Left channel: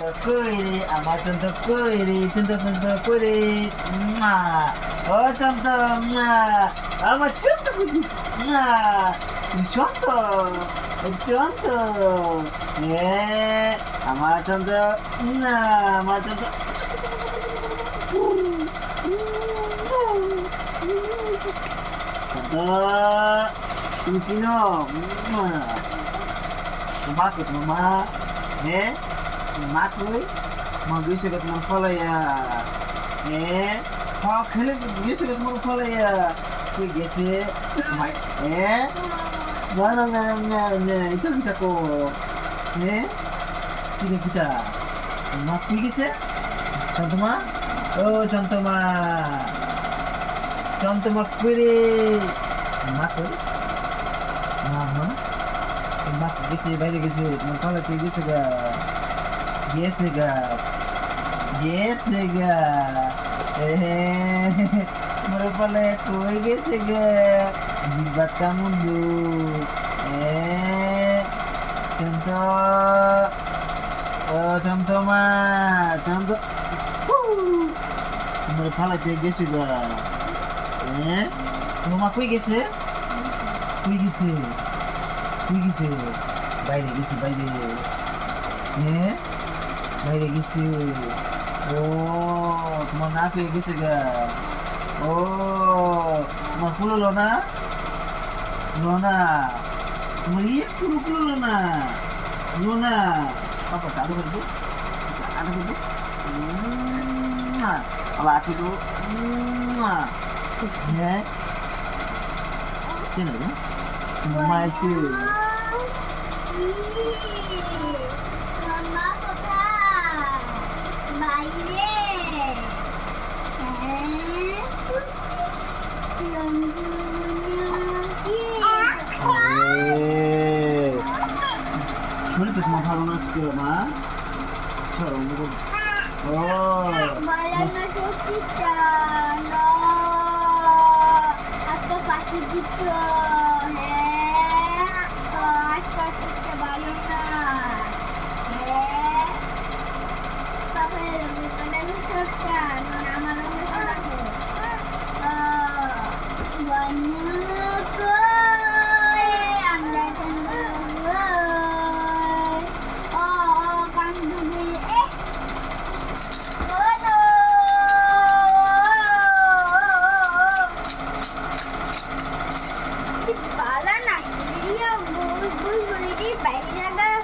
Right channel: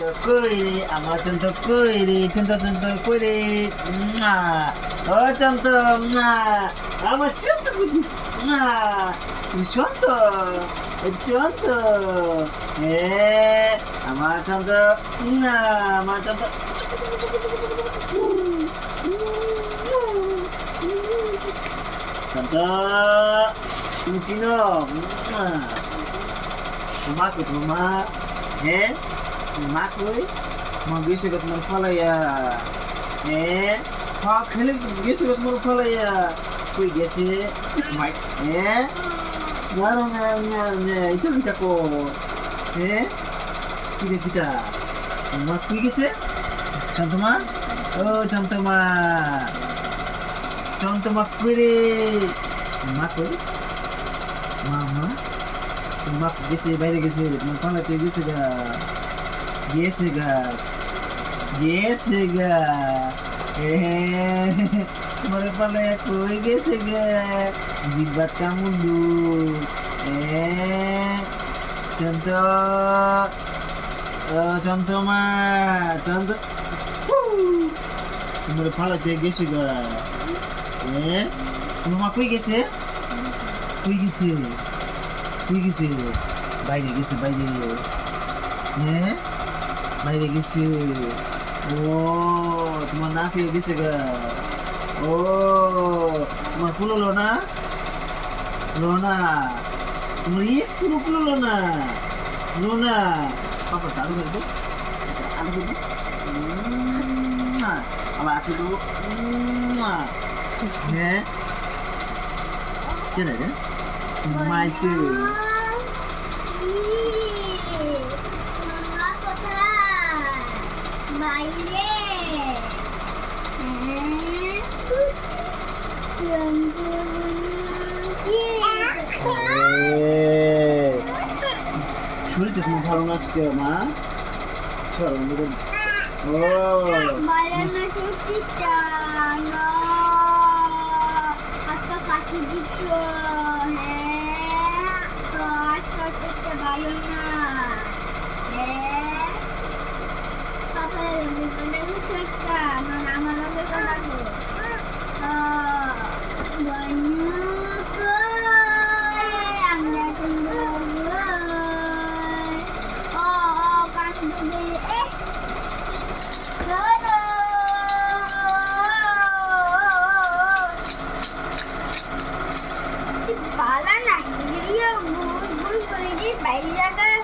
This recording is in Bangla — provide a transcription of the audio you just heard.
কই রে আমার চন্ত কই রে চন্ত চন্ত কই রে ও চন্ত আমার চন্ত বুঝি তুমি চন্ত চন্ত এ আমার চন্ত আমার চন্ত চন্ত তুমি চিনো তোমা কো তোমা হ্যাঁ মা কই মা গেছে গো তোমার ফলাইয়া খেলে গেছে গো তোমার ফলাইয়া কই গেছে মাই না না না না না এটা কিটা কো কি রে কিটা মা কই গেছে চন্তমা ও চন্তমা চন্তমা কই রে মা কই মা মা গেছে বাইরে গেছে তোমার ফলাইতে গেছে গা Yes, God. Yes, God. তোমার পালে কই গেছে গে জিব্বাত কামুন্দু চন্ত চন্তমা চন্ত তোমার ফালাতে গেছে গা তোমার মা কই গেছে কই গেছে কই গেছে বাইরে গেছে বাইরে বাইরে গেছে ও তোমার না পেয়ে গেছে গা ও তোমার কুলোলো না তোমার একটু কুলোলো না লোনা পাপা আরো করে দো আরো করে দো আবার আটু দো হ্যাঁ কেন রে মাইসে বাইরে শরীরটা তোমার ভালো না আজকে মা ও আজকে কাছে দিচ্ছ আজকে আজকে ভালো না আমার পালা না বাইরে জায়গায়